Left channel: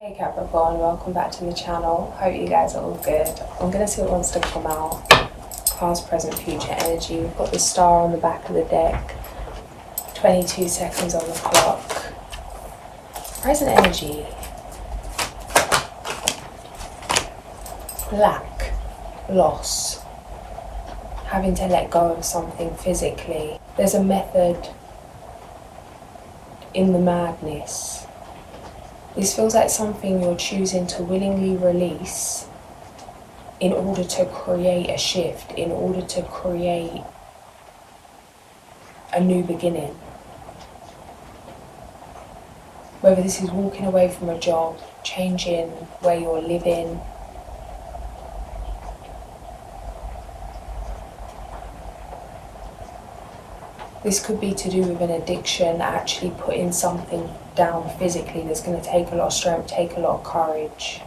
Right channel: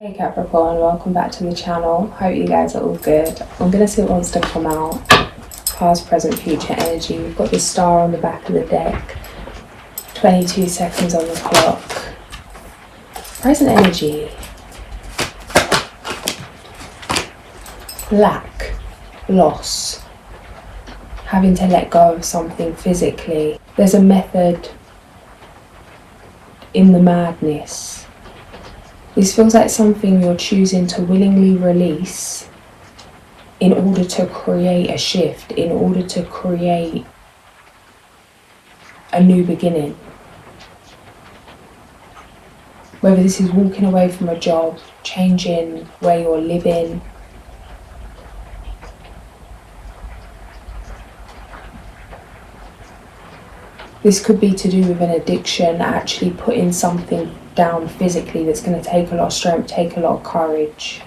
Hey Capricorn, welcome back to the channel. Hope you guys are all good. I'm going to see what wants to come out. Past, present, future energy. We've got the star on the back of the deck. 22 seconds on the clock. Present energy. Lack. Loss. Having to let go of something physically. There's a method in the madness. This feels like something you're choosing to willingly release in order to create a shift, in order to create a new beginning. Whether this is walking away from a job, changing where you're living, this could be to do with an addiction, actually putting something down physically that's going to take a lot of strength, take a lot of courage.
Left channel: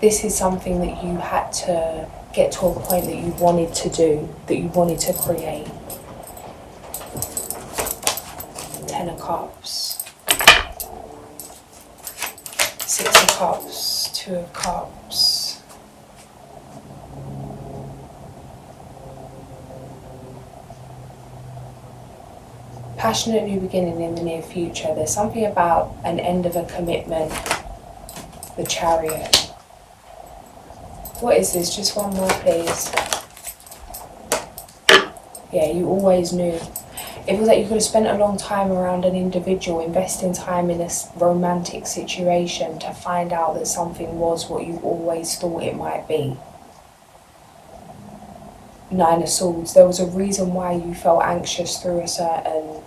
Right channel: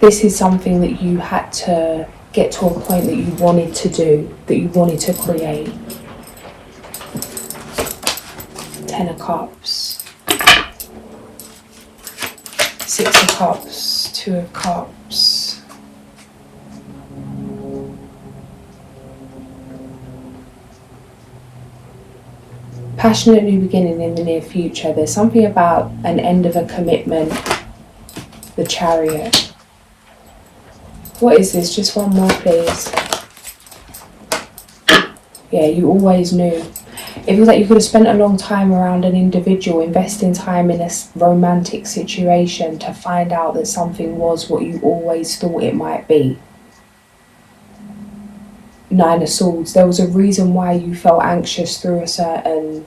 This is something that you had to get to a point that you wanted to do, that you wanted to create. 10 of Cups, 6 of Cups, 2 of Cups. Passionate new beginning in the near future. There's something about an end of a commitment. The Chariot. What is this? Just one more, please. Yeah, you always knew. It feels like you could have spent a long time around an individual, investing time in a romantic situation to find out that something was what you always thought it might be. 9 of Swords. There was a reason why you felt anxious through a certain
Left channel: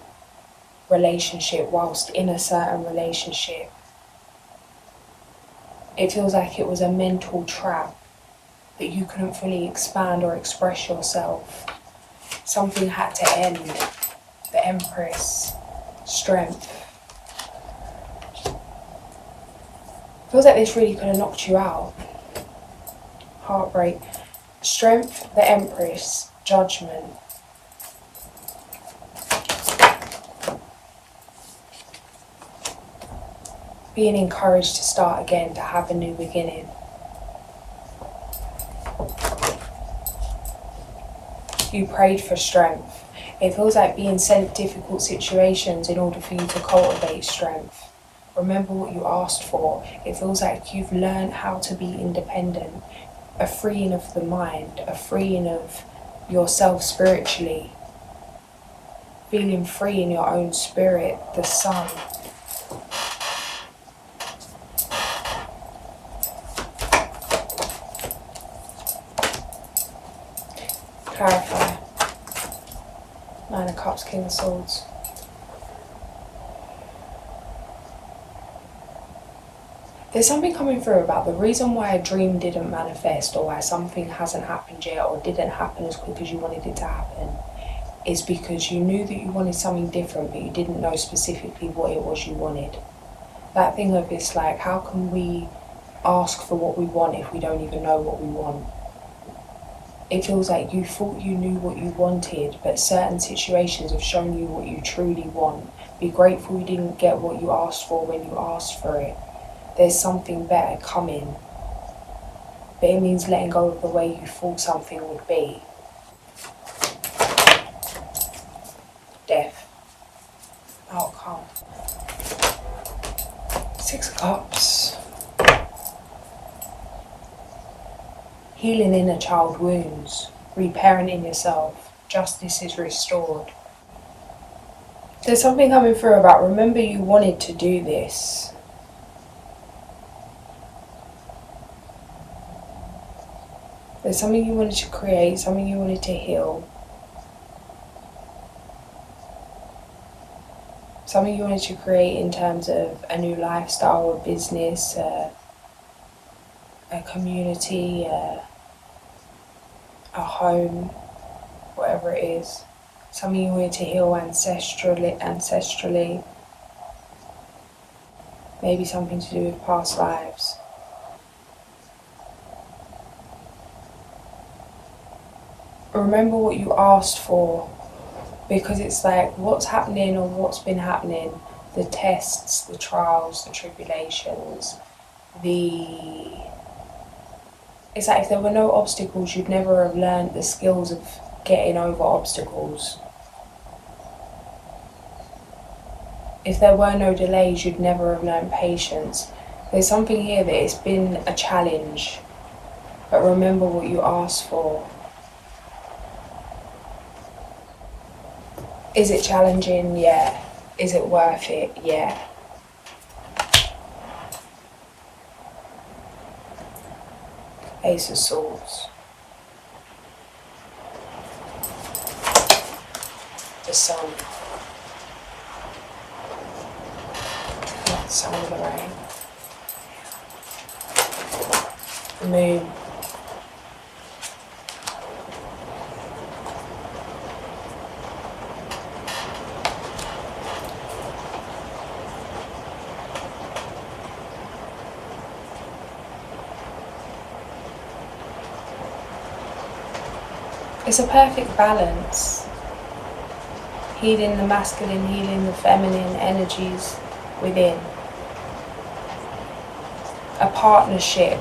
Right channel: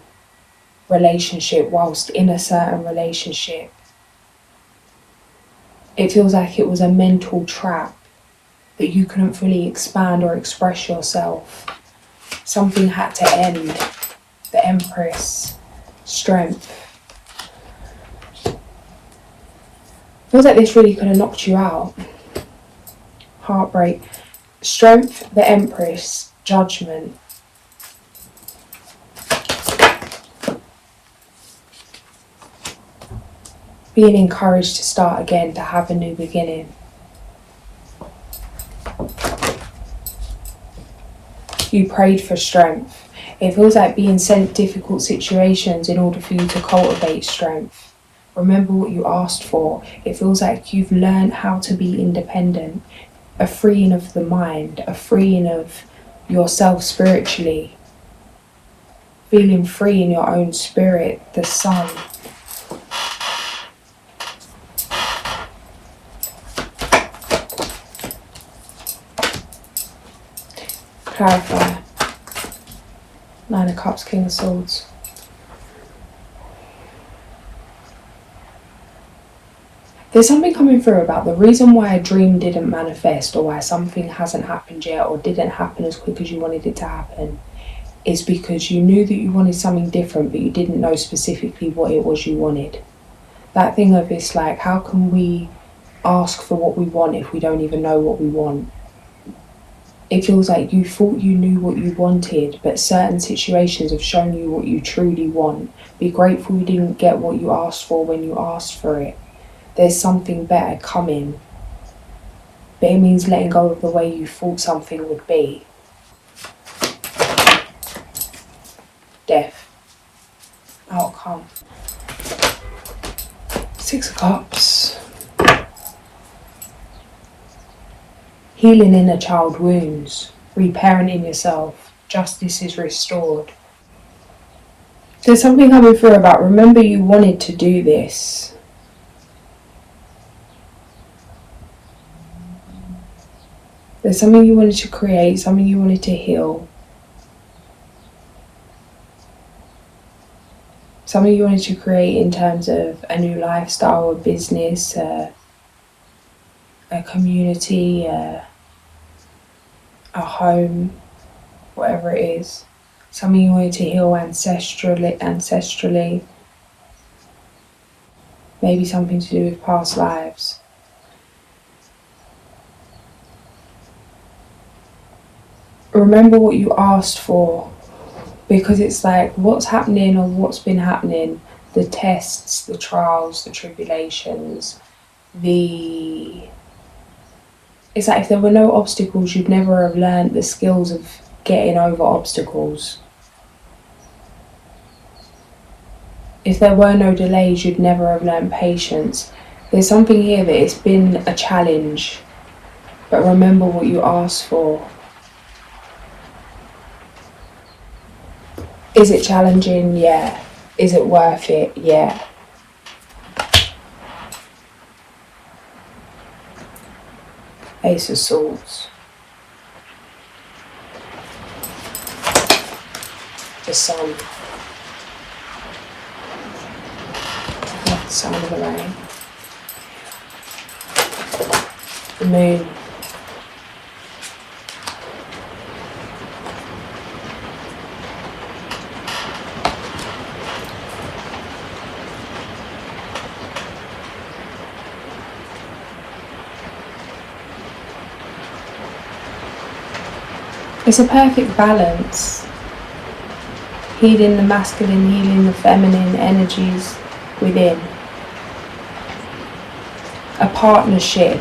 relationship, whilst in a certain relationship. It feels like it was a mental trap that you couldn't fully expand or express yourself. Something had to end. The Empress. Strength. Feels like this really could have knocked you out. Heartbreak. Strength, the Empress, Judgment. Being encouraged to start again, to have a new beginning. You prayed for strength. It feels like being sent difficult situations in order for you to cultivate strength. Remember what you asked for. It feels like you've learned how to be independent. A freeing of the mind, a freeing of yourself spiritually, feeling free in your own spirit. The Sun. Clarify. 9 of Cups, King of Swords. There's something coming through about the reason why a dream didn't manifest, or why something hasn't happened yet, or didn't happen as quick as you wanted it to happen, is because you knew that you wanted something different, but you didn't know specifically what it was you wanted. That thing of it's like, how can we ask for what we want if we don't even know what we want? It feels like you thought you knew what you wanted, but certain situations have shown you what you truly want. Be grateful you didn't get what you asked for when you asked for it. There's something better coming. But it means letting go of the way you thought something would be. Death. Outcome. 6 of Cups. Healing inner child wounds. Reparenting yourself. Justice is restored. There's something coming through about, remember you wanted to do this. There's something you wanted to create, something you wanted to heal. Something you wanted to create in terms of a new lifestyle, a business, a community, a home, whatever it is. Something you wanted to heal ancestrally. Maybe something to do with past lives. Remember what you asked for Because it's like what's happening or what's been happening, the tests, the trials, the tribulations, it's like if there were no obstacles, you'd never have learned the skills of getting over obstacles. If there were no delays, you'd never have learned patience. There's something here that it's been a challenge, but remember what you asked for. Is it challenging? Yeah. Is it worth it? Yeah. Ace of Swords. The Sun. The Sun of the Rain. The Moon. It's a perfect balance. Healing the masculine, healing the feminine energies within. A partnership.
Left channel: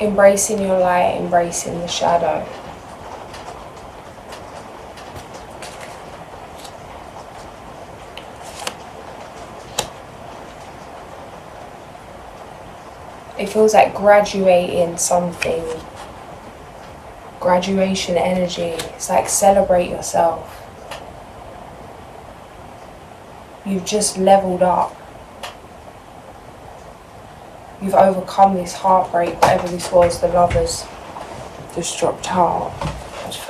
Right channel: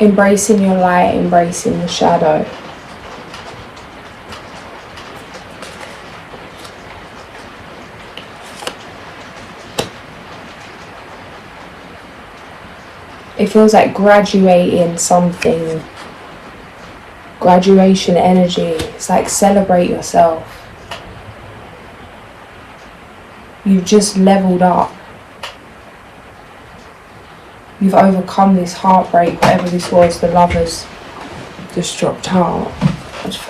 Embracing your light, embracing the shadow. It feels like graduating something. Graduation energy. It's like celebrate yourself. You've just leveled up. You've overcome this heartbreak, whatever this was, the Lovers, just dropped heart.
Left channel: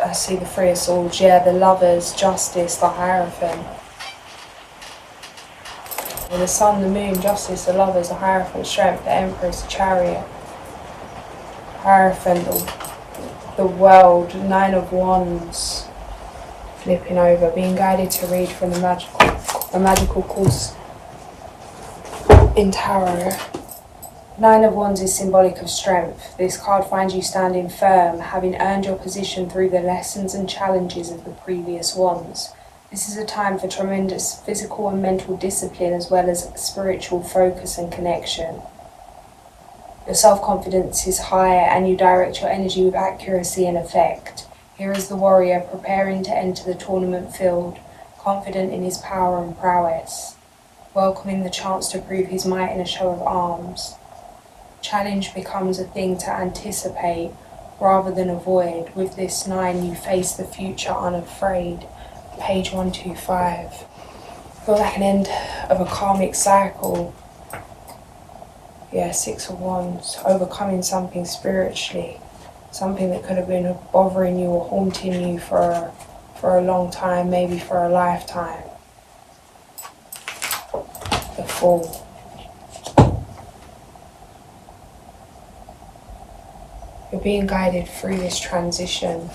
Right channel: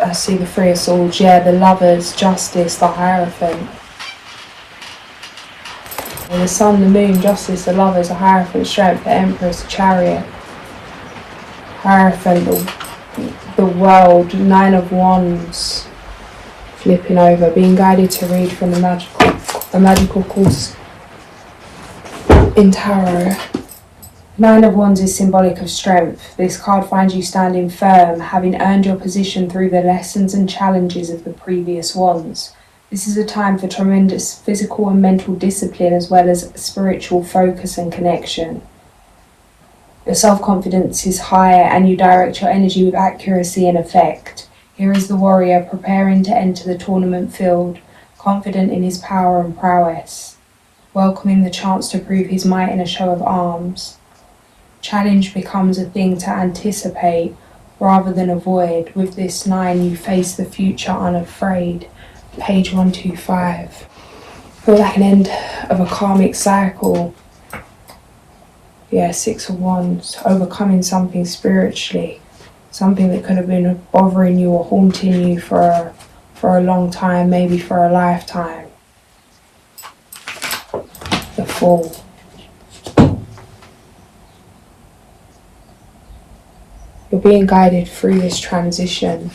I see the Three of Swords, yeah, the Lovers, Justice, the Hierophant. And the Sun, the Moon, Justice, the Lovers, the Hierophant, Strength, the Empress, the Chariot. Hierophant, the World, Nine of Wands. Flipping over, being guided to read from the magical course in Tarot. Nine of Wands is symbolic of strength. This card finds you standing firm, having earned your position through the lessons and challenges of the previous wands. This is a time for tremendous physical and mental discipline as well as spiritual focus and connection. Your self-confidence is higher and you direct your energy with accuracy and effect. Here is the warrior preparing to enter the tournament field, confident in his power and prowess, welcoming the chance to prove his might in a show of arms. Challenge becomes a thing to anticipate rather than avoid. With this 9, you face the future unafraid. Page 125. Feels like an end of a karmic cycle. Yeah, 6 of Wands. Overcoming something spiritually. Something that could have been bothering you or haunting you for a long time, maybe for a lifetime. The Fool. You're being guided through this transition.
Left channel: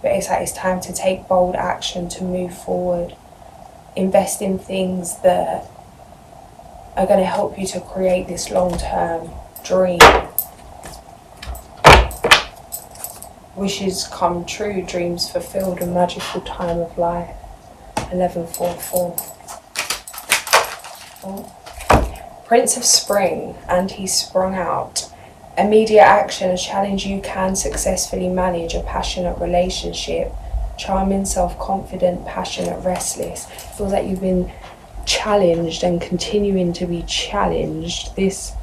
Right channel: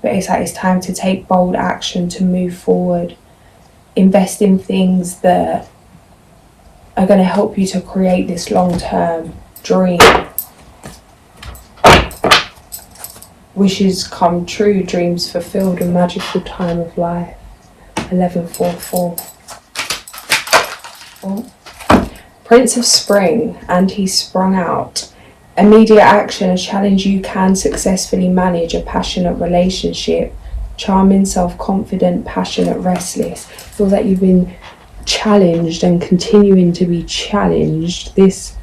But it's like it's time to take bold action to move forward. Invest in things that are going to help you to create this long-term dream. Wishes come true, dreams fulfilled, a magical time of life. 1144. Oh. Prince of Spring, and he sprung out. Immediate action, a challenge you can successfully manage, a passionate relationship, charming, self-confident, passionate, restless. Feel that you've been challenged and continuing to be challenged. This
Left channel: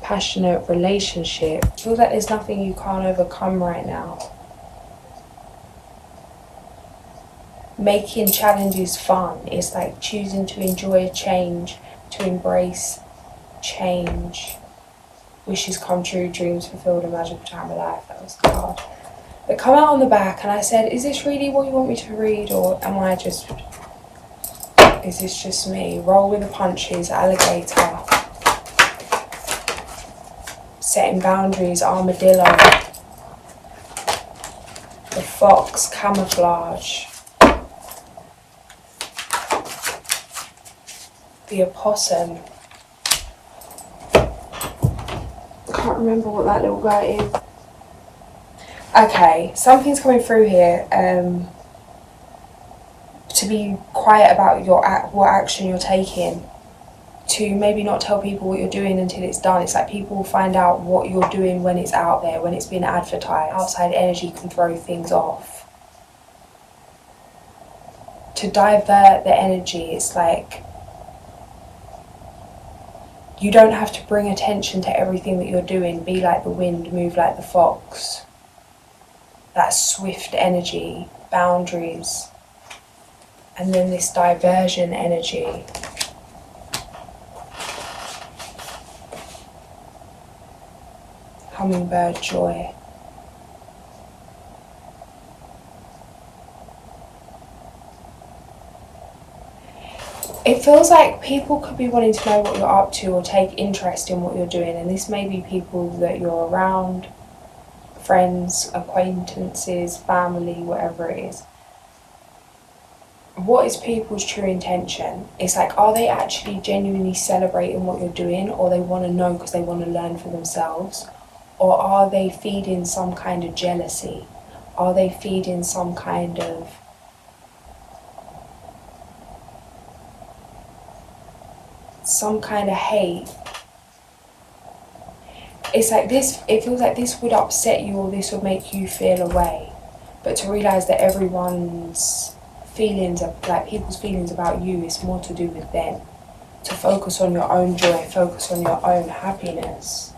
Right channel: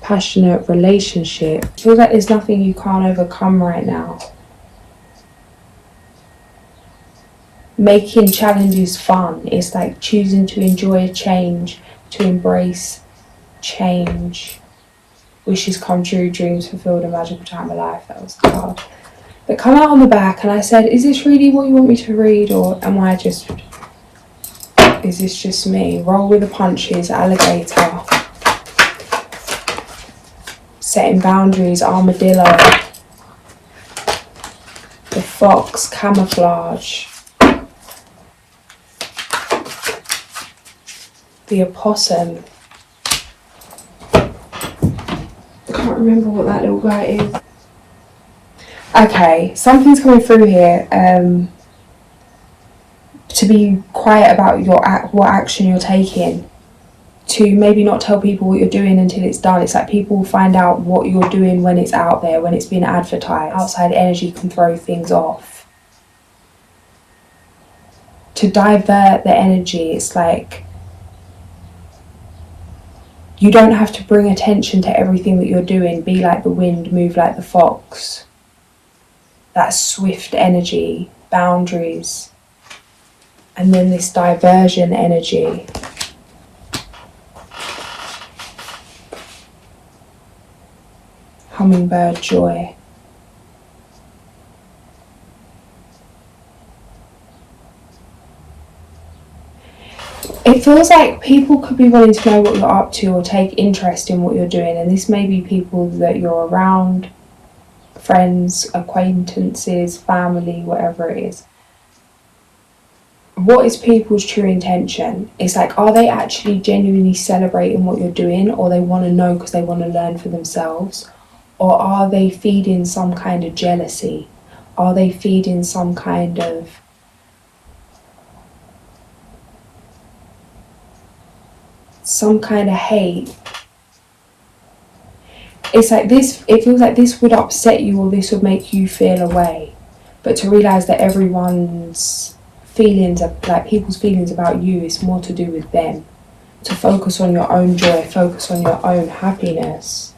passionate relationship. Feel that there's nothing you can't overcome right now. Making challenges fun. It's like choosing to enjoy a change, to embrace change. Wishes come true, dreams fulfilled, a magical time of life. That was the card that come out on the back, and I said, is this really what you want me to read, or is this just me? Roll with the punches, alligator. Setting boundaries, armadillo. The fox, camouflage. The opossum. I can't remember what that little guy is. Okay, something's coming through here. To be quiet about what action you're taking. To maybe not tell people what you're doing until it's done. It's like people will find out what you're doing when it's out there, when it's been advertised. Outside energy can throw things off. To divert the energy, it's like you don't have to bring attention to everything that you're doing. Be like the wind, move like the fox. That swift energy, boundaries. And then this diversion energy. Hummingbird joy. It feels like people could be wanting to know what you're up to or take interest in what you're doing, and this may be people that you're around, friends, acquaintances, family, whatever it is. What is people's true intention? It's like, are they actually genuinely celebrating what you're doing, or they want to know because they want to learn for themselves? Or are they feeding some kind of jealousy? Are they feeding some kind of hate? It's like this, it feels like this would upset you or this would make you feel away. But to realise that everyone's feelings, like people's feelings about you, is more to do with them. To focus on your own joy, focus on your own happiness.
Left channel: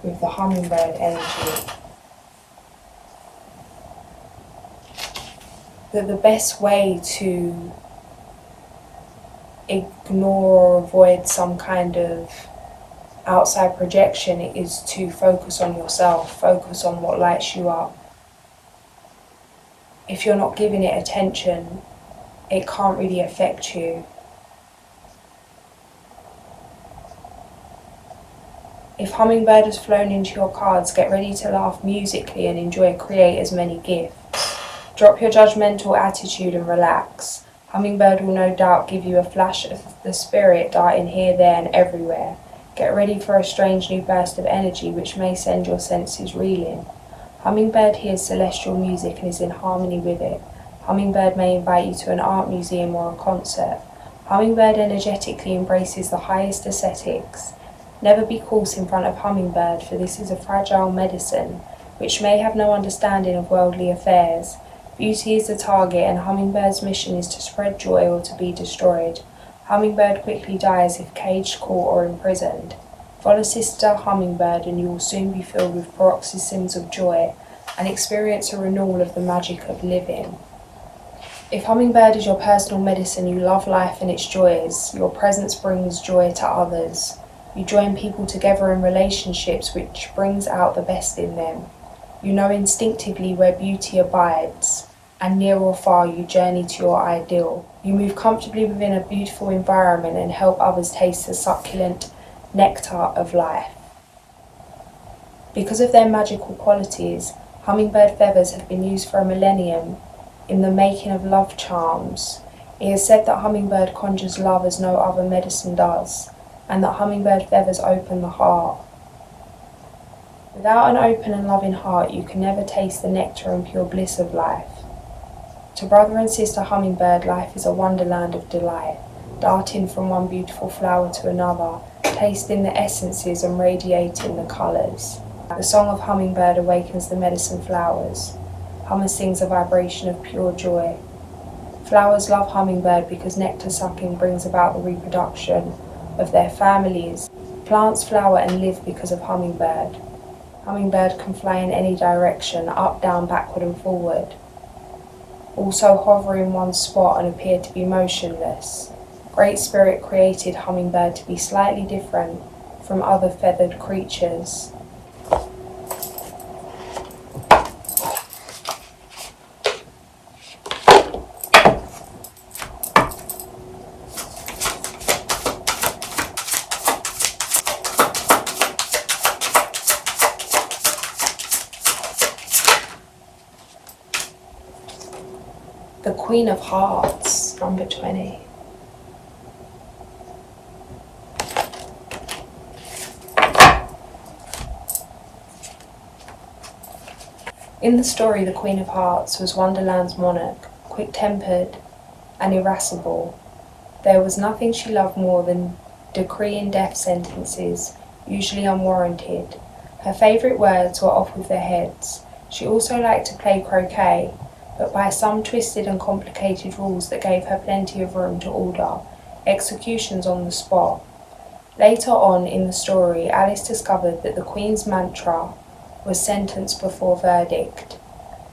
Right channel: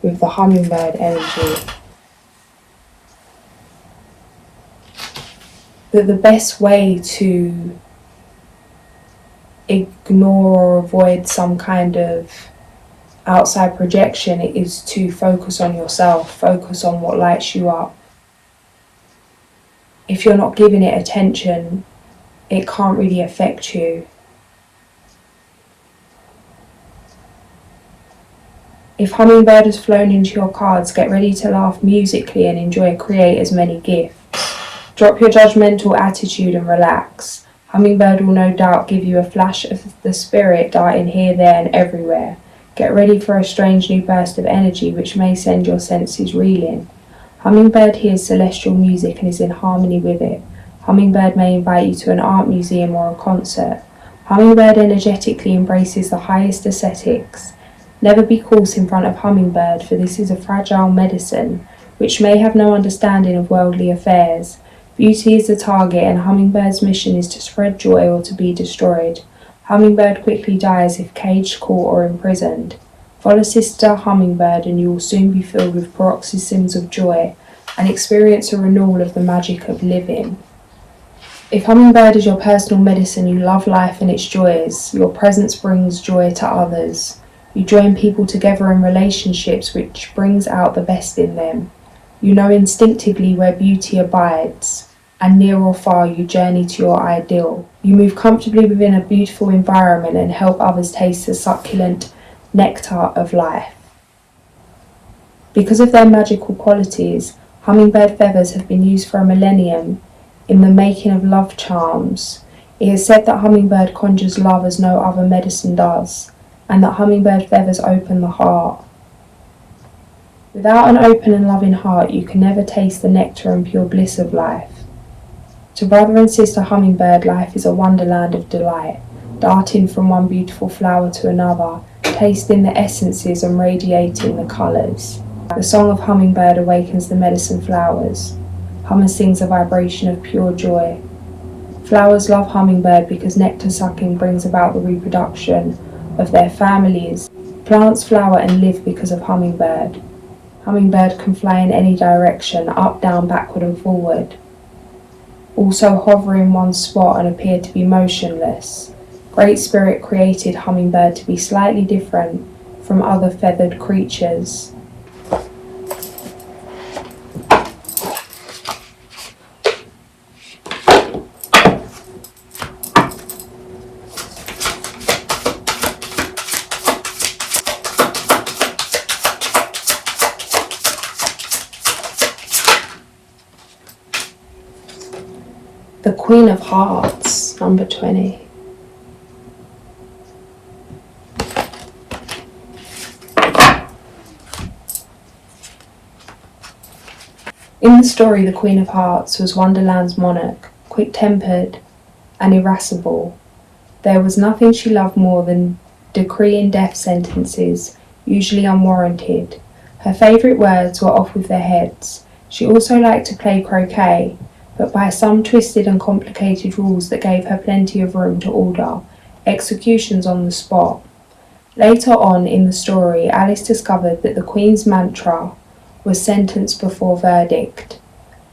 With the hummingbird energy. That the best way to ignore or avoid some kind of outside projection is to focus on yourself, focus on what lights you up. If you're not giving it attention, it can't really affect you. If hummingbird has flown into your cards, get ready to laugh musically and enjoy create as many gifts. Drop your judgmental attitude and relax. Hummingbird will no doubt give you a flash of the spirit darting here, there and everywhere. Get ready for a strange new burst of energy which may send your senses reeling. Hummingbird hears celestial music and is in harmony with it. Hummingbird may invite you to an art museum or a concert. Hummingbird energetically embraces the highest aesthetics. Never be coarse in front of hummingbird, for this is a fragile medicine, which may have no understanding of worldly affairs. Beauty is the target, and hummingbird's mission is to spread joy or to be destroyed. Hummingbird quickly dies if caged, caught, or imprisoned. Follow Sister Hummingbird, and you will soon be filled with paroxysms of joy, and experience a renewal of the magic of living. If hummingbird is your personal medicine, you love life and its joys. Your presence brings joy to others. You join people together in relationships which brings out the best in them. You know instinctively where beauty abides, and near or far you journey to your ideal. You move comfortably within a beautiful environment and help others taste the succulent nectar of life. Because of their magical qualities, hummingbird feathers have been used for a millennium in the making of love charms. It is said that hummingbird conjures love as no other medicine does, and that hummingbird feathers open the heart. Without an open and loving heart, you can never taste the nectar and pure bliss of life. To brother and sister hummingbird, life is a wonderland of delight, darting from one beautiful flower to another, tasting the essences and radiating the colours. The song of hummingbird awakens the medicine flowers. Hummer sings a vibration of pure joy. Flowers love hummingbird because nectar sucking brings about the reproduction of their families. Plants flower and live because of hummingbird. Hummingbird can fly in any direction, up, down, backward and forward. Also hover in one spot and appear to be motionless. Great Spirit created hummingbird to be slightly different from other feathered creatures. The Queen of Hearts, number 20. In the story, the Queen of Hearts was Wonderland's monarch, quick-tempered and irascible. There was nothing she loved more than decreeing death sentences, usually unwarranted. Her favourite words were off with their heads. She also liked to play croquet, but by some twisted and complicated rules that gave her plenty of room to order executions on the spot. Later on in the story, Alice discovered that the Queen's mantra was sentence before verdict,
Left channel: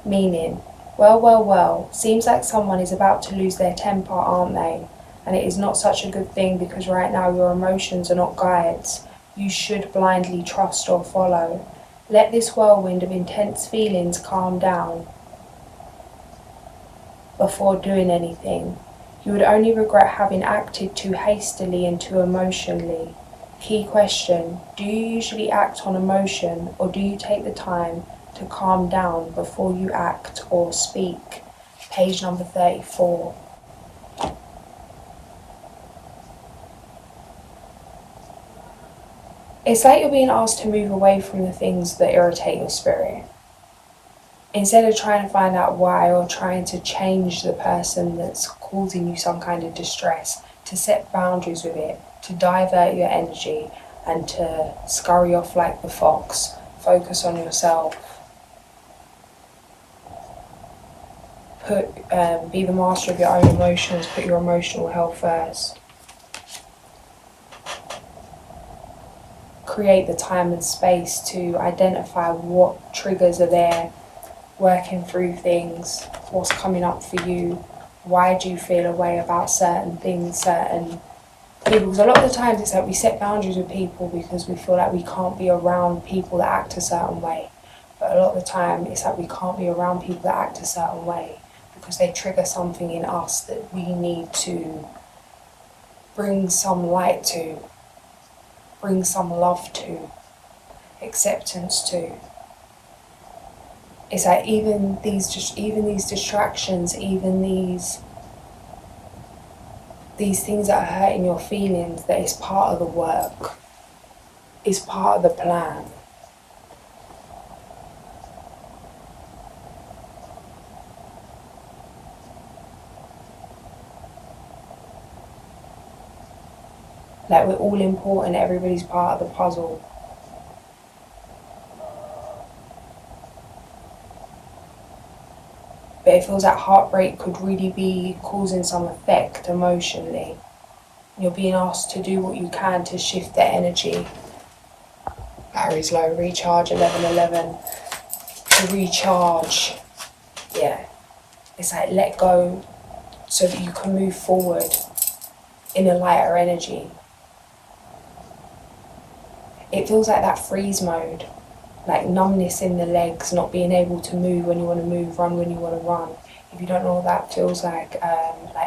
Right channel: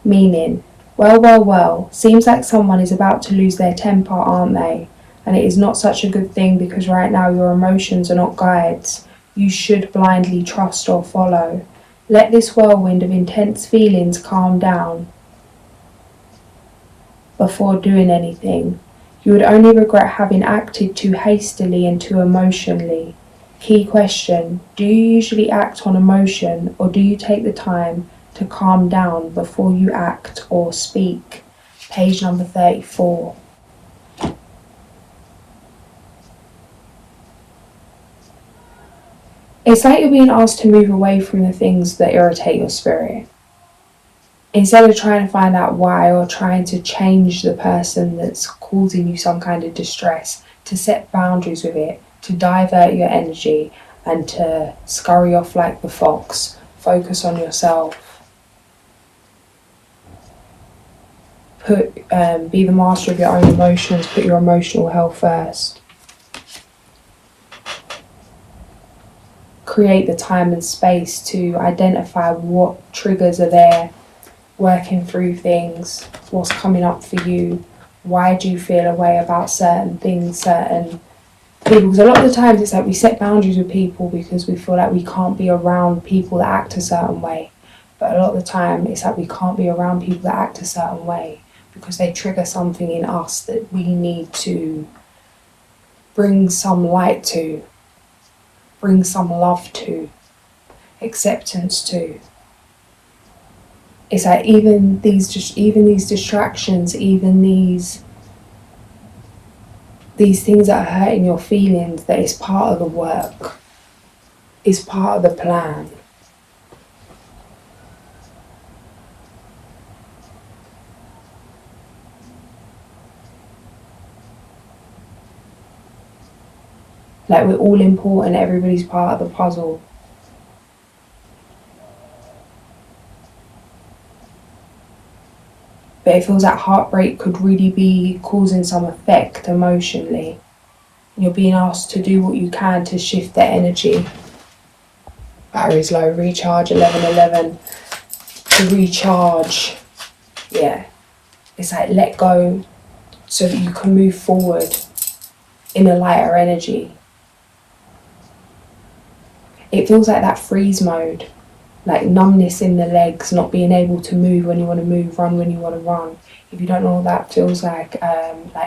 meaning, well, seems like someone is about to lose their temper, aren't they? And it is not such a good thing because right now your emotions are not guides you should blindly trust or follow. Let this whirlwind of intense feelings calm down before doing anything. You would only regret having acted too hastily and too emotionally. Key question: do you usually act on emotion, or do you take the time to calm down before you act or speak? Page number 34. It's like you're being asked to move away from the things that irritate your spirit. Instead of trying to find out why or trying to change the person that's causing you some kind of distress, to set boundaries with it, to divert your energy and to scurry off like the fox. Focus on yourself. Be the master of your own emotions. Put your emotional health first. Create the time and space to identify what triggers are there, working through things, what's coming up for you, why do you feel a way about certain things, certain people. Because a lot of the times it's like we set boundaries with people because we feel like we can't be around people that act a certain way. But a lot of the time it's like we can't be around people that act a certain way because they trigger something in us that we need to bring some light to, bring some love to, acceptance to. It's like even these distractions, even these things that are hurting your feelings, that is part of the work, is part of the plan. Like we're all important, everybody's part of the puzzle. But it feels like heartbreak could really be causing some effect emotionally. You're being asked to do what you can to shift that energy. Battery's low, recharge 11:11. To recharge, yeah. It's like let go so that you can move forward in a lighter energy. It feels like that freeze mode, like numbness in the legs, not being able to move when you want to move, run when you want to run. If you don't know what that feels like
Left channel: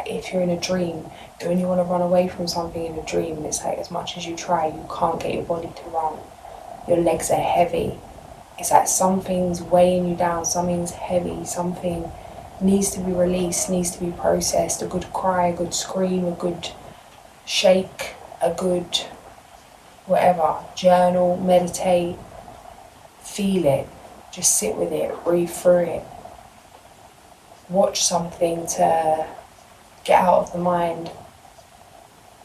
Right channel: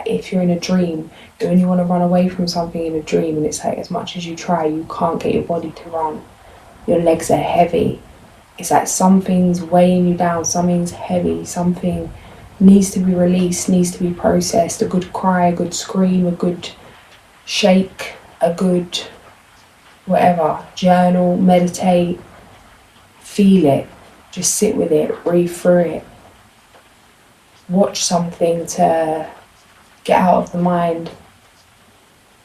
if you're in a dream, when you want to run away from something in a dream and it's like as much as you try, you can't get your body to run. Your legs are heavy. It's like something's weighing you down, something's heavy, something needs to be released, needs to be processed. A good cry, a good scream, a good shake, a good whatever. Journal, meditate, feel it, just sit with it, breathe through it. Watch something to get out of the mind,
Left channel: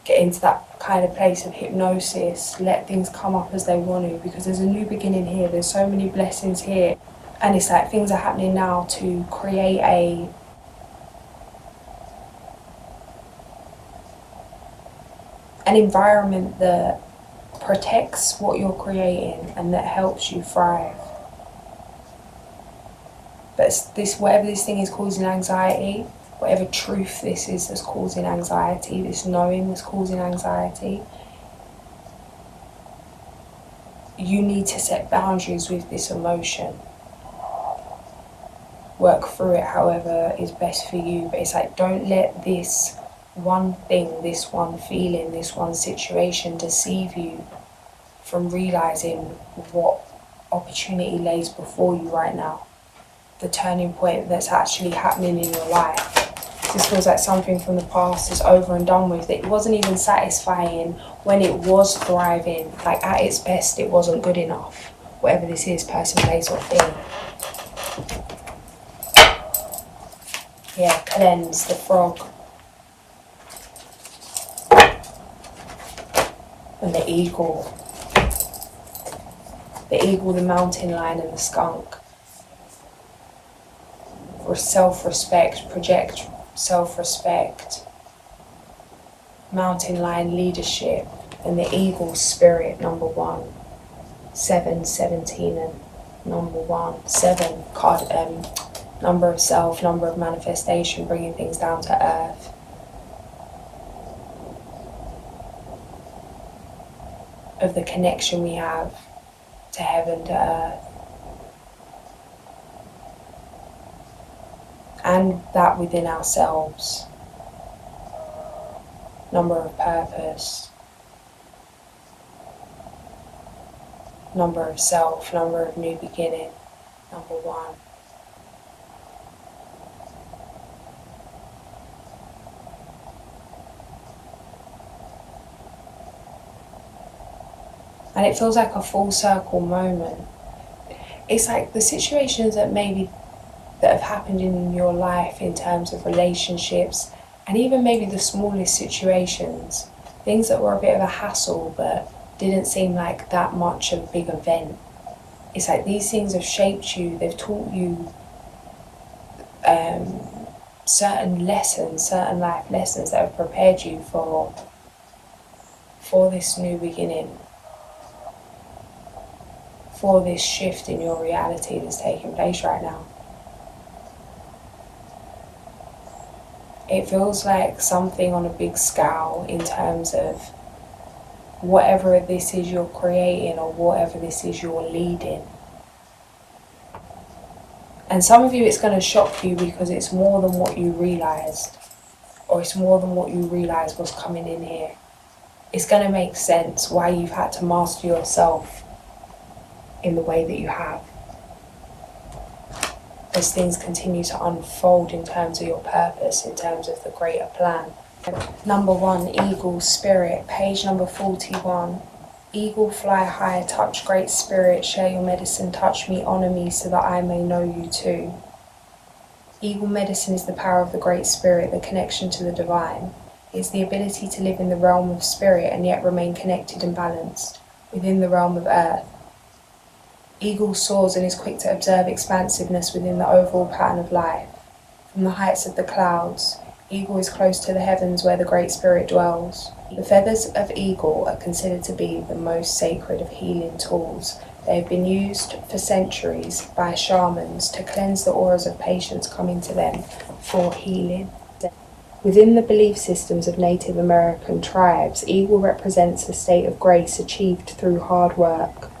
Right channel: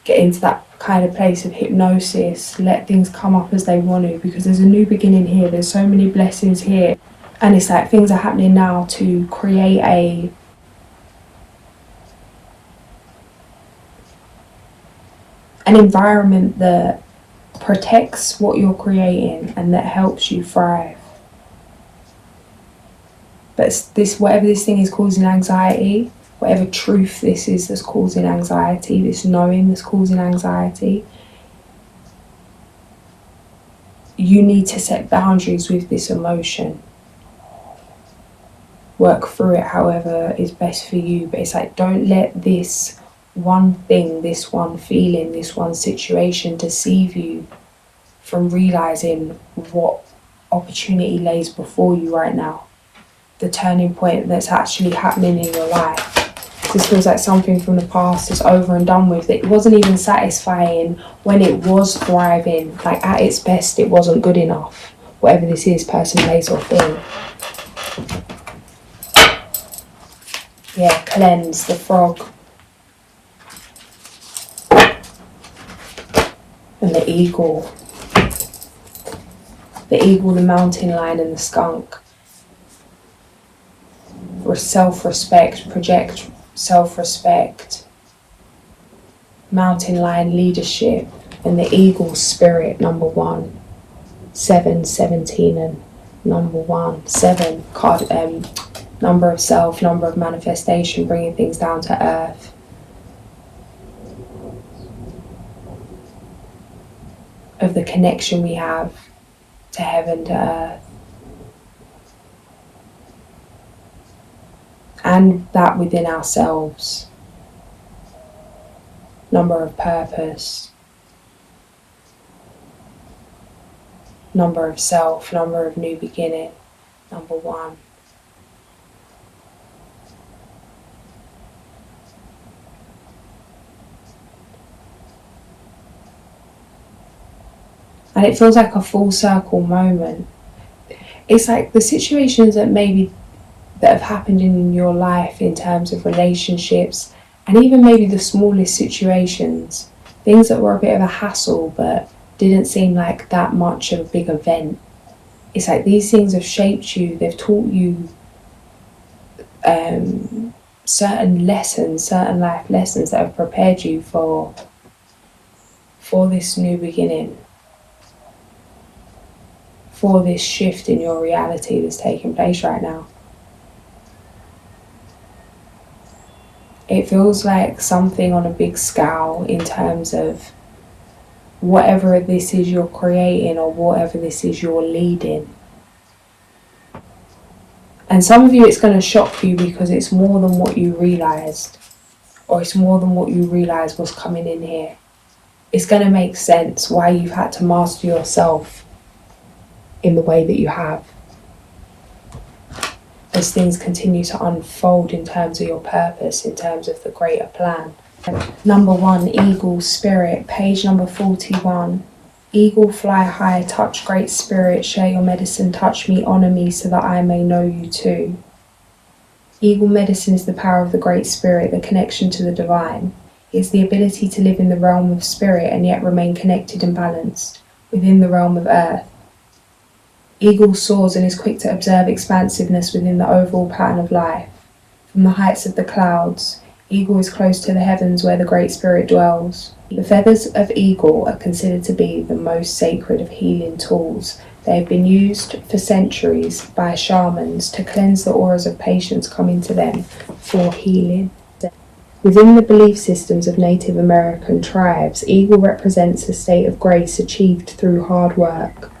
get into that kind of place of hypnosis, let things come up as they want to, because there's a new beginning here, there's so many blessings here. And it's like things are happening now to create an environment that protects what you're creating and that helps you thrive. But whatever this thing is causing anxiety, whatever truth this is that's causing anxiety, this knowing that's causing anxiety, you need to set boundaries with this emotion. Work through it however is best for you. But it's like, don't let this one thing, this one feeling, this one situation deceive you from realizing what opportunity lays before you right now. The turning point that's actually happening in your life. This feels like something from the past is over and done with. It wasn't even satisfying when it was thriving. Like at its best, it wasn't good enough. Whatever this is, person, place or thing. Yeah, cleanse, the frog. And the eagle. The eagle, the mountain lion and the skunk. For self-respect, project self-respect. Mountain lion, leadership. And the eagle, spirit, number 1. 7, 17 and number 1. 7, card, number of self, number of manifestation, bringing things down to earth. Of the connection we have to heaven, to earth. And that within ourselves. Number of purpose. Number of self, number of new beginning, number 1. And it feels like a full circle moment. It's like the situations that have happened in your life in terms of relationships, and even maybe the smallest situations, things that were a bit of a hassle but didn't seem like that much of a big event. It's like these things have shaped you, they've taught you certain lessons, certain life lessons that have prepared you for this new beginning, for this shift in your reality that's taking place right now. It feels like something on a big scale in terms of whatever this is you're creating or whatever this is you're leading. And some of you, it's going to shock you because it's more than what you realised, or it's more than what you realised was coming in here. It's going to make sense why you've had to master yourself in the way that you have, as things continue to unfold in terms of your purpose, in terms of the greater plan. Number 1, eagle, spirit, page number 41. Eagle, fly high, touch great spirit, share your medicine, touch me, honour me, so that I may know you too. Eagle medicine is the power of the great spirit, the connection to the divine. It is the ability to live in the realm of spirit and yet remain connected and balanced within the realm of earth. Eagle soars and is quick to observe expansiveness within the overall pattern of life. From the heights of the clouds, eagle is close to the heavens where the Great Spirit dwells. The feathers of eagle are considered to be the most sacred of healing tools. They have been used for centuries by shamans to cleanse the auras of patients coming to them for healing. Within the belief systems of Native American tribes, eagle represents a state of grace achieved through hard work,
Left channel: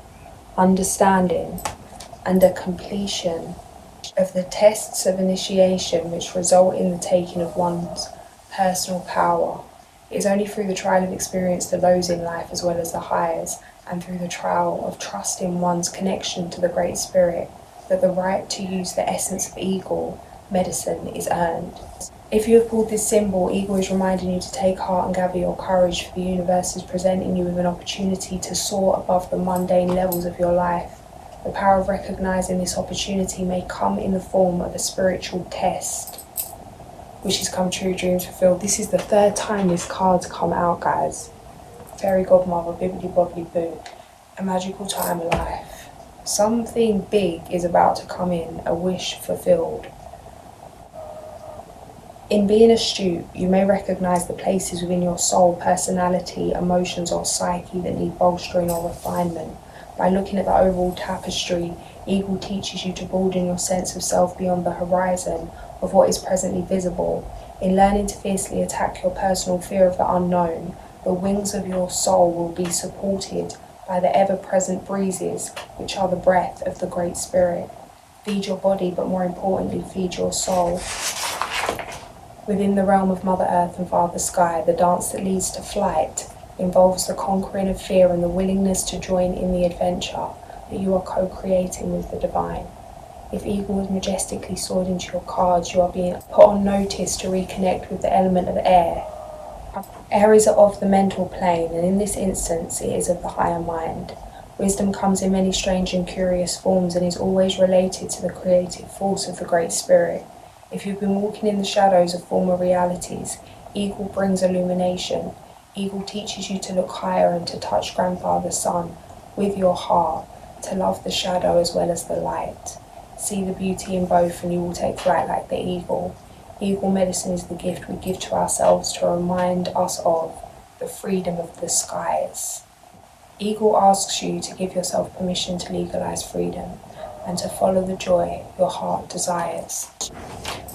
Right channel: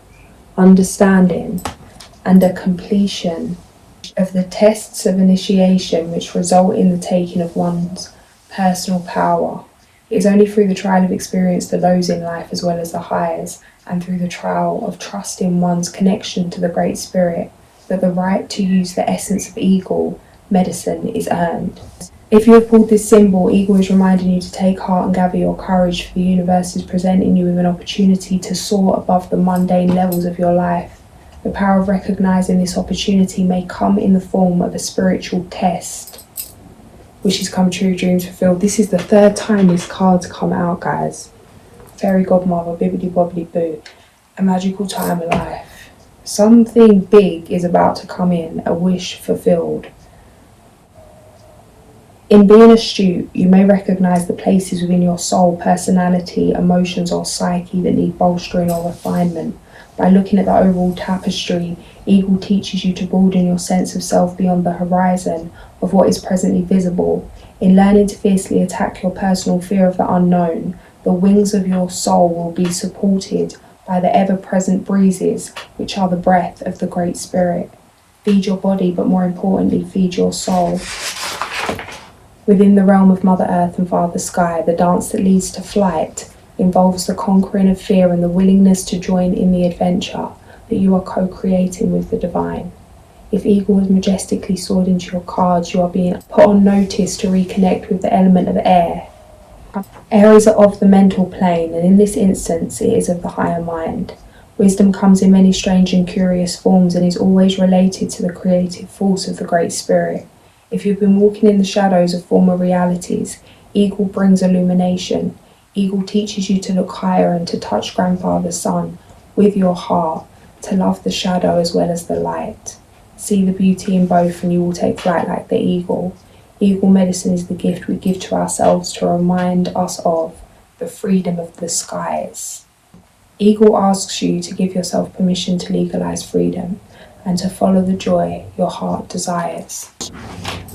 understanding, and a completion of the tests of initiation which result in the taking of one's personal power. It is only through the trial of experience, the lows in life as well as the highs, and through the trial of trusting one's connection to the Great Spirit, that the right to use the essence of eagle medicine is earned. If you have pulled this symbol, eagle is reminding you to take heart and gather your courage, for the universe is presenting you with an opportunity to soar above the mundane levels of your life. The power of recognizing this opportunity may come in the form of a spiritual test. Wishes come true, dreams fulfilled. This is the 3rd time this card's come out, guys. Fairy godmother, bibbidi bobbidi boo. A magical time of life. Something big is about to come in, a wish fulfilled. In being astute, you may recognize the places within your soul, personality, emotions, or psyche that need bolstering or refinement. By looking at the overall tapestry, eagle teaches you to broaden your sense of self beyond the horizon of what is presently visible. In learning to fiercely attack your personal fear of the unknown, the wings of your soul will be supported by the ever-present breezes, which are the breath of the Great Spirit. Feed your body, but more importantly, feed your soul. Within the realm of Mother Earth and Father Sky, the dance that leads to flight involves the conquering of fear and the willingness to join in the adventure that you are co-creating with the divine. If eagle has majestically soared into your cards, you are being put on notice to reconnect with the element of air. Air is of the mental plane, and in this instance it is of the higher mind. Wisdom comes in many strange and curious forms and is always related to the creative force of the Great Spirit. If you've been walking in the shadows of former realities, Eagle brings illumination. Eagle teaches you to look higher and to touch Grandfather Sun with your heart, to love the shadow as well as the light. See the beauty in both and you will take flight like the eagle. Eagle medicine is the gift we give to ourselves to remind us of the freedom of the skies. Eagle asks you to give yourself permission to legalize freedom and to follow the joy your heart desires.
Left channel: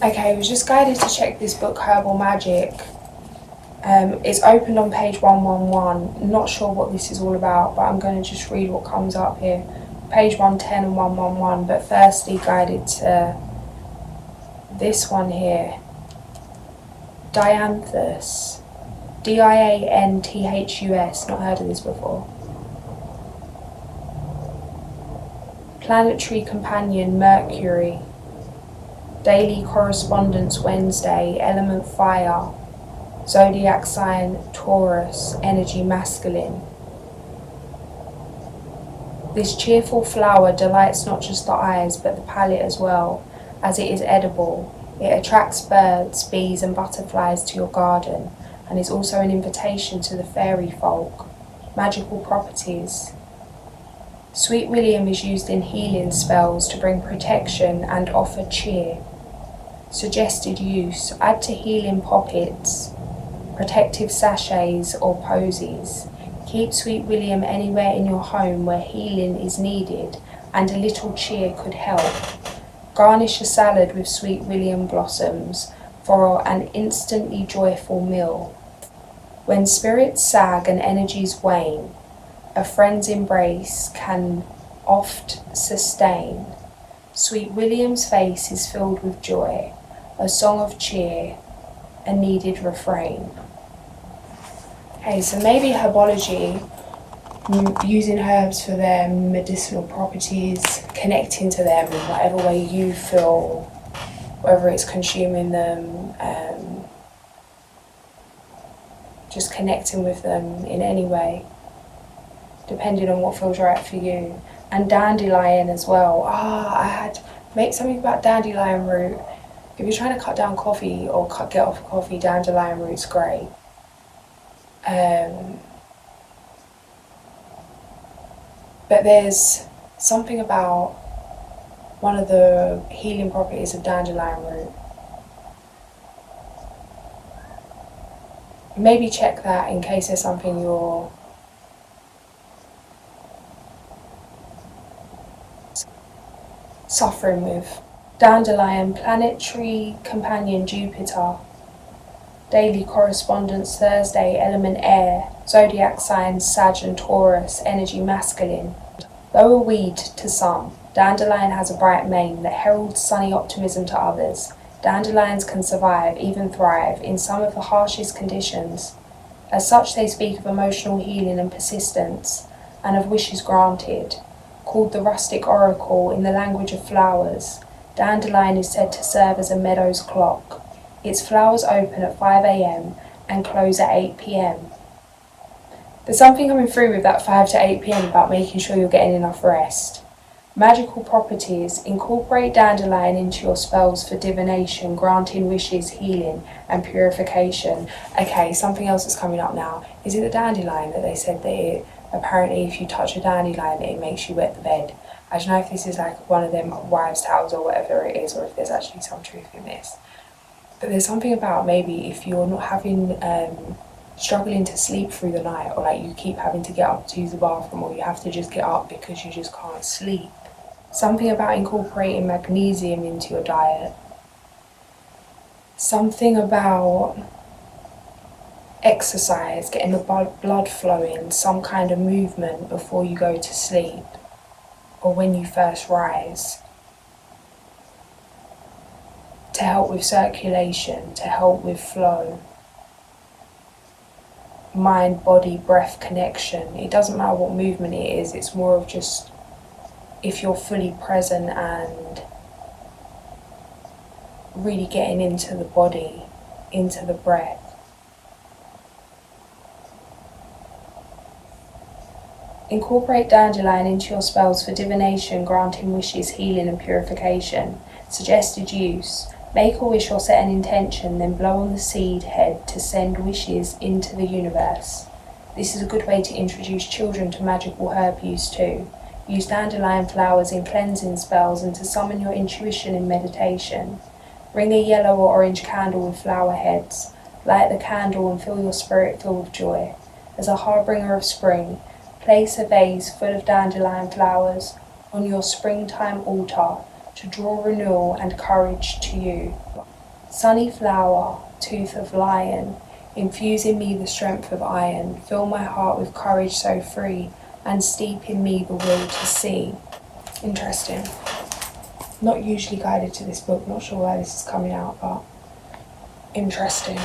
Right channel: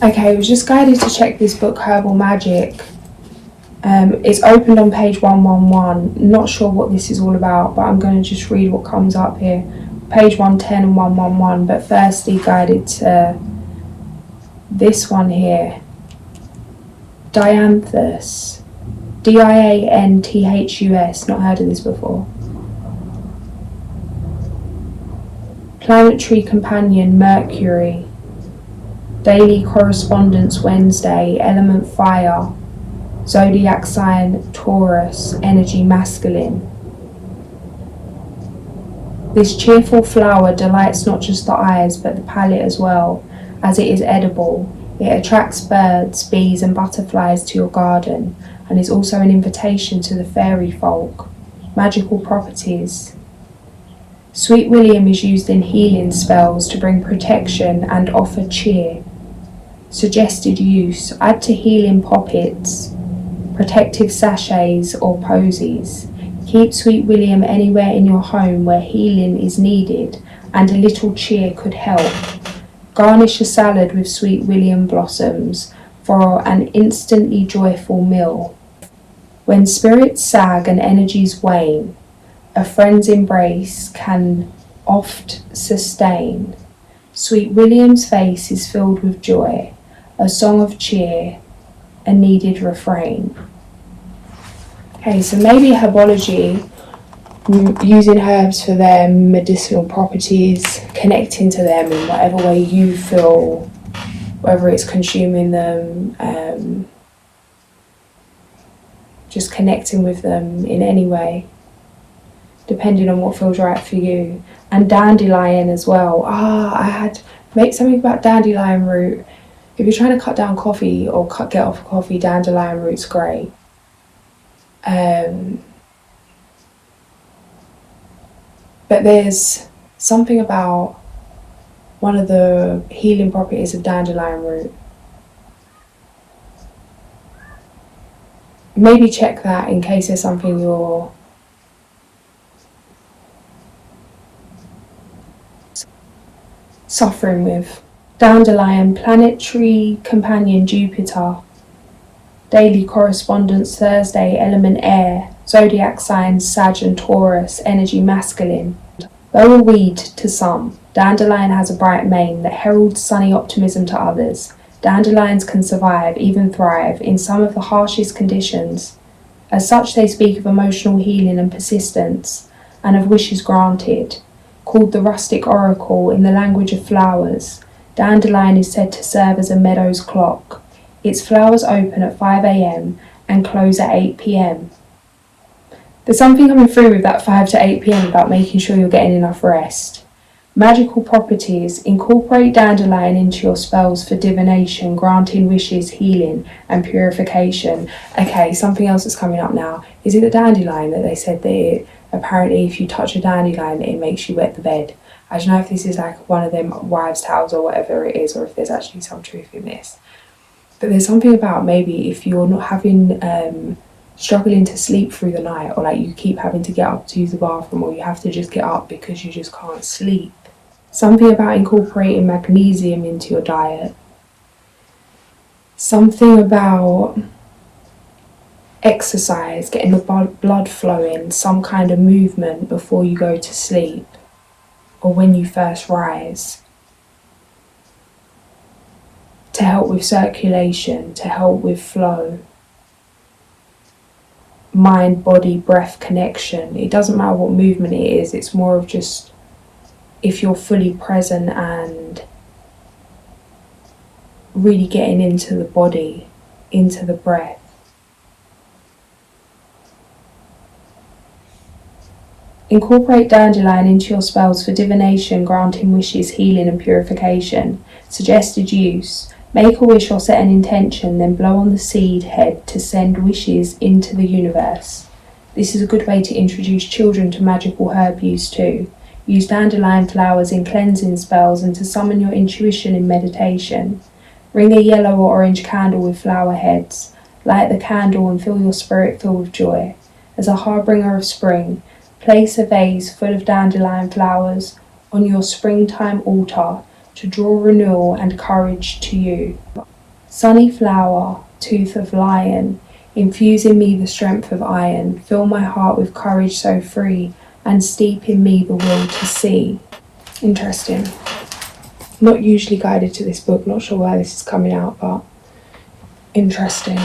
Okay, I was just guided to check this book, Herbal Magic. It's opened on page 111. Not sure what this is all about, but I'm going to just read what comes up here. Page 110 and 111, but firstly guided to this one here. Dianthus. Dianthus. Not heard of this before. Planetary companion Mercury. Daily correspondence Wednesday. Element fire. Zodiac sign Taurus. Energy masculine. This cheerful flower delights not just the eyes but the palate as well, as it is edible. It attracts birds, bees and butterflies to your garden and is also an invitation to the fairy folk. Magical properties. Sweet William is used in healing spells to bring protection and offer cheer. Suggested use: add to healing poppets, protective sachets or posies. Keep Sweet William anywhere in your home where healing is needed and a little cheer could help. Garnish a salad with Sweet William blossoms for an instantly joyful meal. When spirits sag and energies wane, a friend's embrace can oft sustain. Sweet William's face is filled with joy, a song of cheer, a needed refrain. Okay, so maybe herbology, using herbs for their medicinal properties, connecting to them in whatever way you feel, whether it's consuming them, just connecting with them in any way, depending on what feels right for you. And dandelion as well. Make something about dandelion root. If you're trying to cut down coffee or get off coffee, dandelion root's great. But there's something about one of the healing properties of dandelion root. Maybe check that in case there's something you're suffering with. Dandelion, planetary companion Jupiter. Daily correspondence Thursday, element air. Zodiac signs Sag and Taurus, energy masculine. Though a weed to some, dandelion has a bright mane that heralds sunny optimism to others. Dandelions can survive, even thrive, in some of the harshest conditions. As such, they speak of emotional healing and persistence, and of wishes granted. Called the rustic oracle in the language of flowers, dandelion is said to serve as a meadow's clock. Its flowers open at 5 a.m. and close at 8 p.m. There's something coming through with that 5 to 8 p.m. about making sure you're getting enough rest. Magical properties. Incorporate dandelion into your spells for divination, granting wishes, healing, and purification. Okay, something else that's coming up now. Is it the dandelion that they said that apparently if you touch a dandelion, it makes you wet the bed? I don't know if this is like one of them wives' tales or whatever it is, or if there's actually some truth in this. But there's something about maybe if you're not having struggling to sleep through the night, or like you keep having to get up to use the bathroom, or you have to just get up because you just can't sleep. Something about incorporating magnesium into your diet. Something about exercise, getting the blood flowing, some kind of movement before you go to sleep or when you first rise, to help with circulation, to help with flow. Mind, body, breath connection. It doesn't matter what movement it is, it's more of just if you're fully present and really getting into the body, into the breath. Incorporate dandelion into your spells for divination, granting wishes, healing and purification. Suggested use: Make a wish or set an intention, then blow on the seed head to send wishes into the universe. This is a good way to introduce children to magical herb use too. Use dandelion flowers in cleansing spells and to summon your intuition in meditation. Ring a yellow or orange candle with flower heads. Light the candle and feel your spirit filled with joy. As a harbinger of spring, place a vase full of dandelion flowers on your springtime altar to draw renewal and courage to you. Sunny flower, tooth of lion, infuse in me the strength of iron. Fill my heart with courage so free, and steep in me the will to see. Interesting. Not usually guided to this book, not sure why this is coming out, but interesting.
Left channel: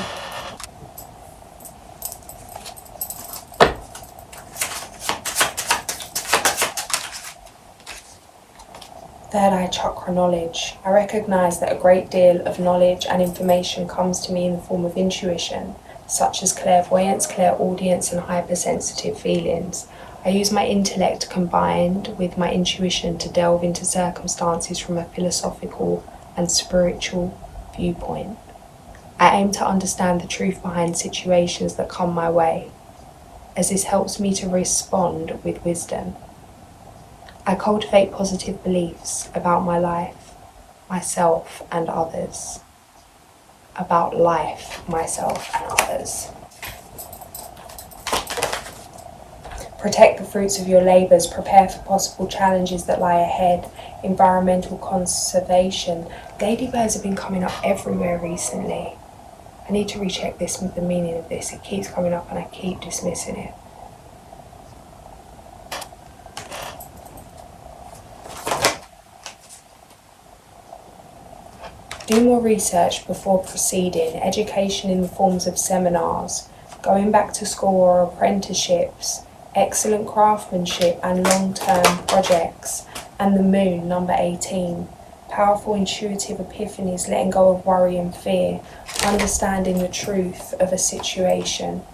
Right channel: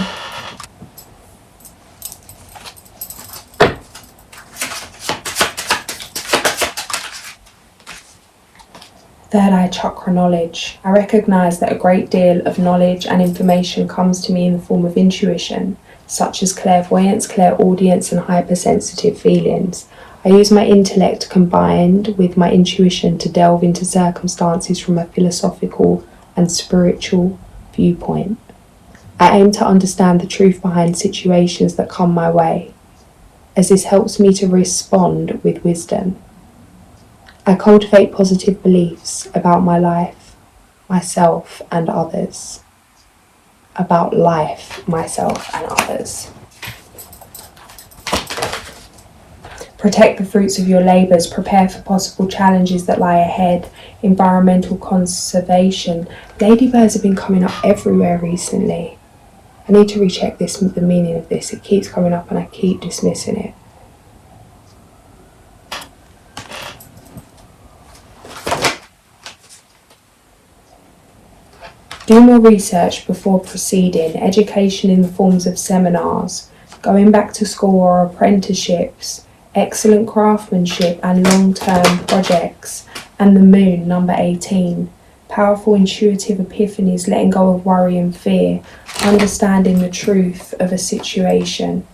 Third eye chakra knowledge. I recognise that a great deal of knowledge and information comes to me in the form of intuition, such as clairvoyance, clairaudience, and hypersensitive feelings. I use my intellect combined with my intuition to delve into circumstances from a philosophical and spiritual viewpoint. I aim to understand the truth behind situations that come my way, as this helps me to respond with wisdom. I cultivate positive beliefs about my life, myself, and others. About life, myself, and others. Protect the fruits of your labours. Prepare for possible challenges that lie ahead. Environmental conservation. Ladybirds have been coming up everywhere recently. I need to recheck the meaning of this. It keeps coming up and I keep dismissing it. Do more research before proceeding. Education in the forms of seminars, going back to school or apprenticeships, excellent craftsmanship and long-term projects, and the moon, number 18. Powerful intuitive epiphanies, letting go of worry and fear, understanding the truth of a situation.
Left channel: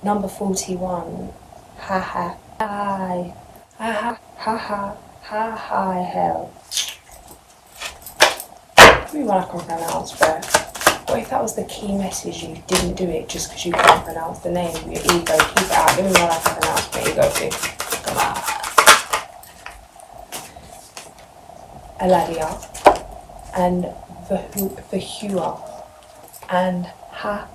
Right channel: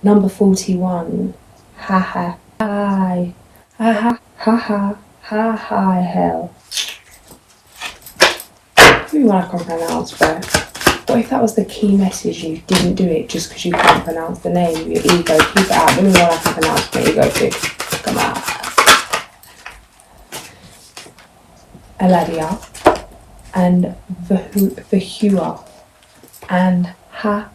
Number 41. Ha ha. Hi. Ha ha. Ha ha. Ha ha. Hell. Maybe one I can pronounce, but what if that was the key message? You didn't do it just because you can't pronounce the name. Your ego, keep it out. Maybe one I can pronounce my ego too. Come on. Eladia and Vahua and Ha.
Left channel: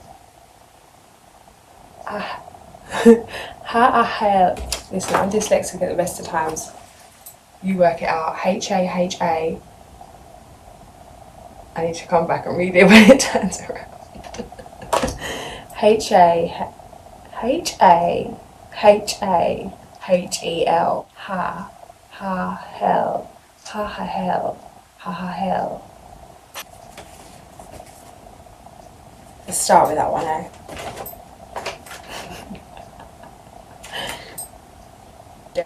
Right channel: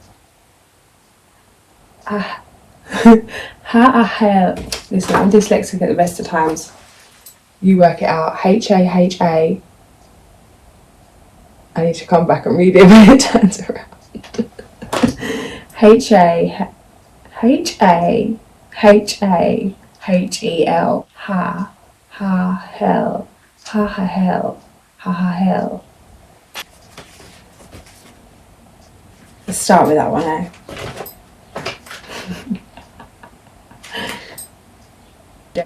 Ha-a-hell. Listen, I'm dyslexic at the best of times. You work it out. H-A-H-A. I need to come back and read it when it turns around. H-A-H-A-H-A-H-E-L. Ha. Ha-hell. Ha-ha-hell. Ha-ha-hell. Let's start with that one, eh?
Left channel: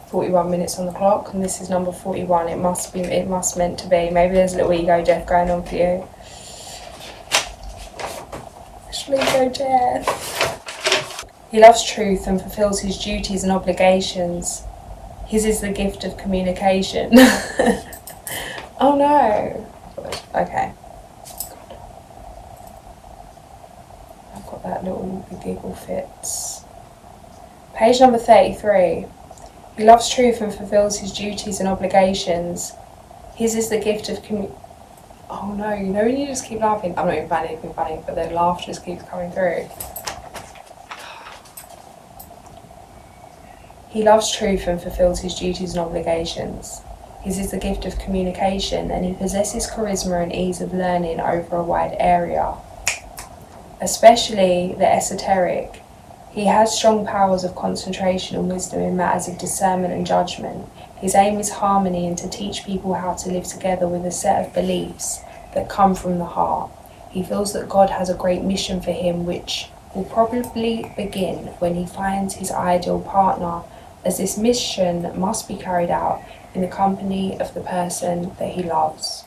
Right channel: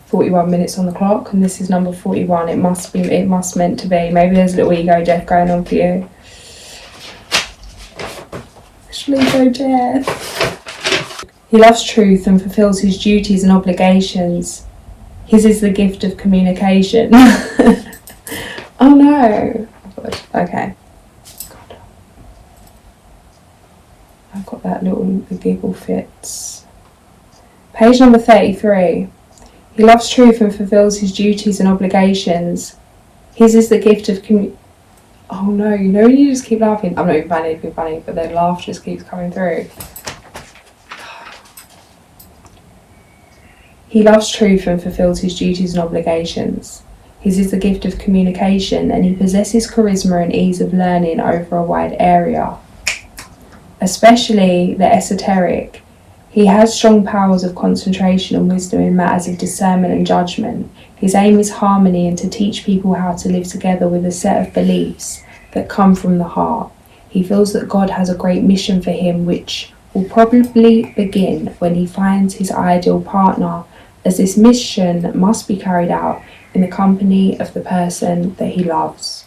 41 minutes on the clock, and this is number 41. It must meant to be. Maybe there's a little ego death going on for you. Ego death. He loves truth and fulfills his duties and obligations. His is the gift of communication. Oh no. Okay. God. I've got that little giggle fits. Page number 33. He loves truth and fulfills his duties and obligations. His is the gift of Oh no, you know when you just keep laughing? I'm not even finding anything funny, but the laugh just keeps coming through. He loves truth and fulfills his duties and obligations. His is the gift of communication, and he possesses charisma and ease of learning over a wide area, especially the esoteric. He has strong powers of concentration and wisdom in matters of discernment and judgment. His aim is harmony and to teach people how to live together with a set of beliefs that come from the heart. He feels that God has a great mission for him, which will probably begin when he finds his ideal partner, as this mission must be carried out in the company of the person that he loves.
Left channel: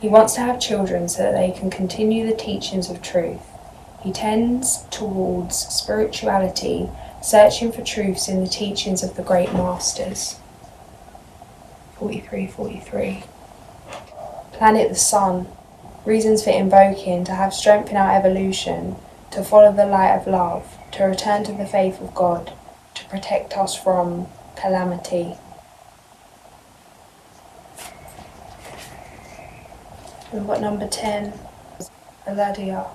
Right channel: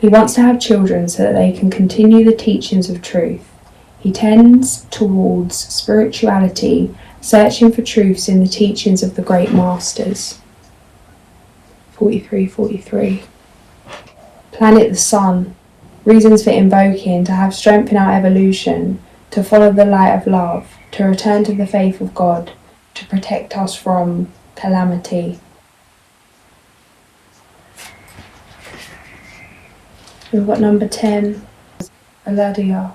He wants to have children so that they can continue the teachings of truth. He tends towards spirituality, searching for truths in the teachings of the great masters. 43. Planet the Sun. Reasons for invoking: to have strength in our evolution, to follow the light of love, to return to the faith of God, to protect us from calamity. We've got number 10, Hereticá.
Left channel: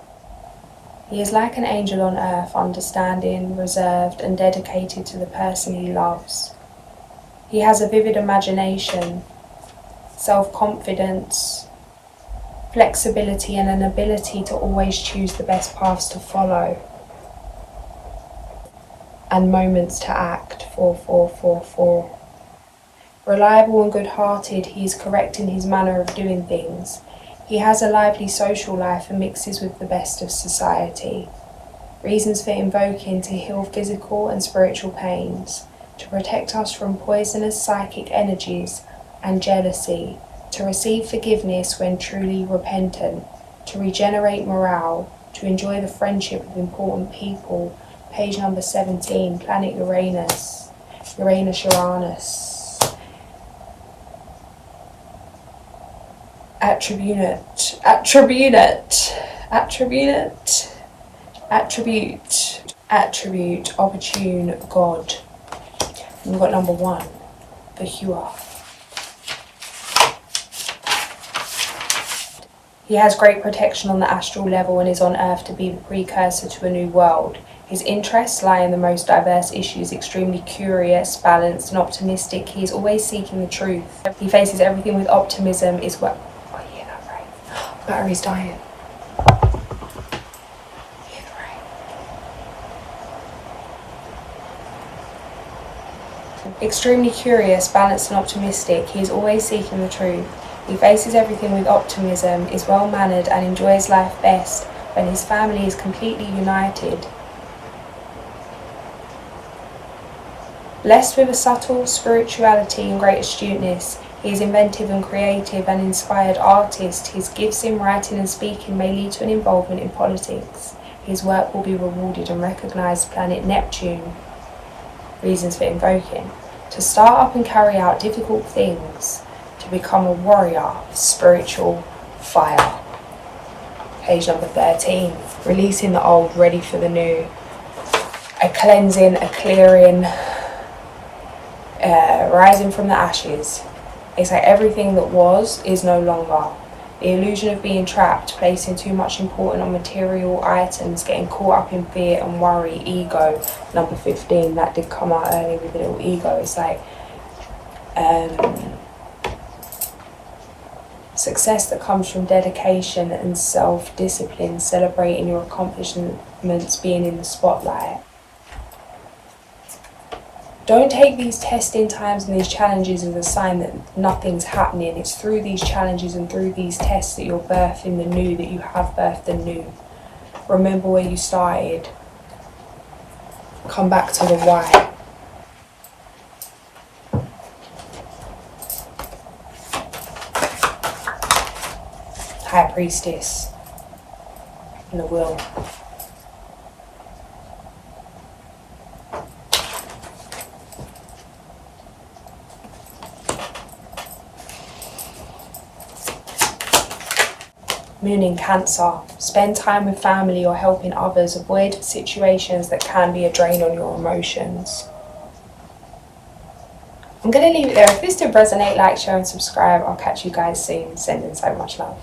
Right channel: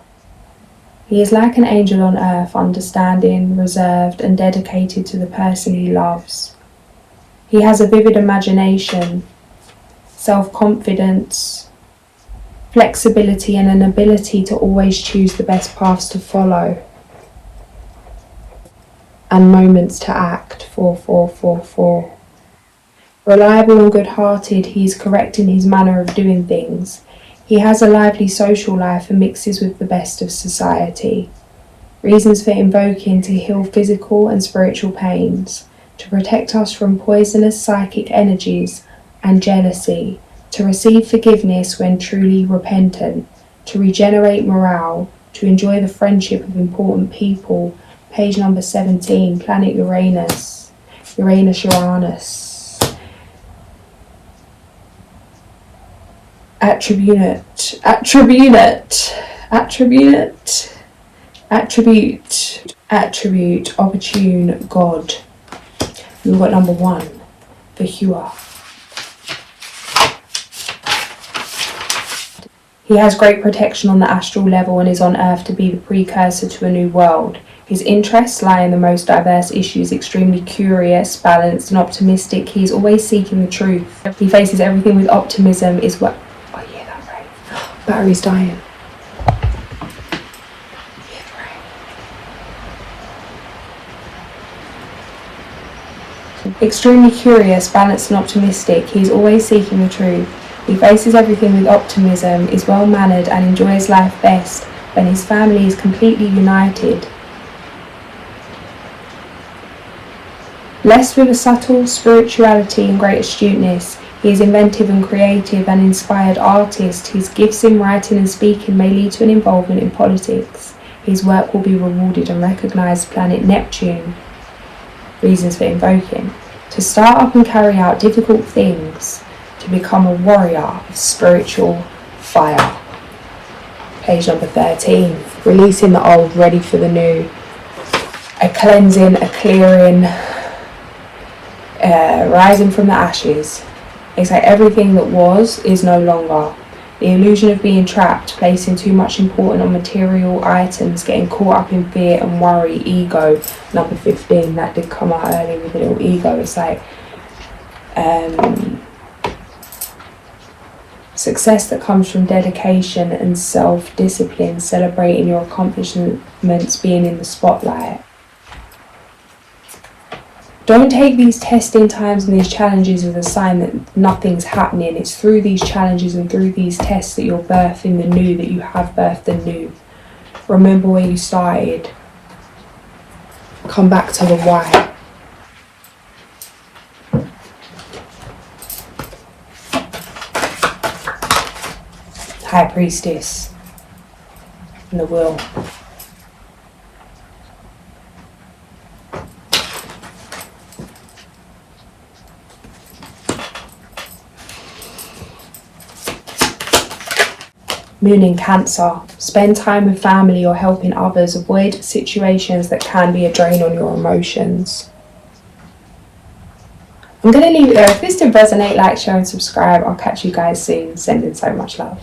He is like an angel on earth, understanding, reserved, and dedicated to the person he loves. He has a vivid imagination, self-confidence, flexibility, and an ability to always choose the best paths to follow and moments to act. 4. Reliable and good-hearted, he is correct in his manner of doing things. He has a lively social life and mixes with the best of society. Reasons for invoking: to heal physical and spiritual pains, to protect us from poisonous psychic energies and jealousy, to receive forgiveness when truly repentant, to regenerate morale, to enjoy the friendship of important people. Page number 17, planet Uranus. Uranus. Attribute, opportune, God. And we've got number 1, Barearav. He has great protection on the astral level and is on Earth to be the precursor to a new world. His interests lie in the most diverse issues, extremely curious, balanced, and optimistic. He is always seeking the truth. He faces everything with optimism, is what... Oh, you hear that, right? Battery's dying. Extremely curious, balanced, and optimistic. He is always seeking the truth. He faces everything with optimism, is well-mannered, and enjoys life best when his family is completely united. Blessed with a subtle spirituality and great astuteness, he is inventive and creative, an inspired artist. His gifts in writing and speaking may lead to an involvement in politics. His work will be rewarded and recognised. Planet Neptune. Reasons for invoking: to start up and carry out difficult things, to become a warrior of spiritual fire. Page number 13, releasing the old, ready for the new. A cleansing, a clearing, rising from the ashes. It's like everything that was is no longer. The illusion of being trapped, placing too much importance on material items, getting caught up in fear and worry, ego. Number 15, that did come out earlier with a little ego. It's like success that comes from dedication and self-discipline, celebrating your accomplishments, being in the spotlight. Don't take these testing times and these challenges as a sign that nothing's happening. It's through these challenges and through these tests that you're birthing the new, that you have birthed the new. Remember where you started. Come back to the why. High Priestess and the Will. Moon in Cancer. Spend time with family or helping others. Avoid situations that can be a drain on your emotions. I'm going to leave it there. If this did resonate, like, share and subscribe. I'll catch you guys soon. Sending so much love.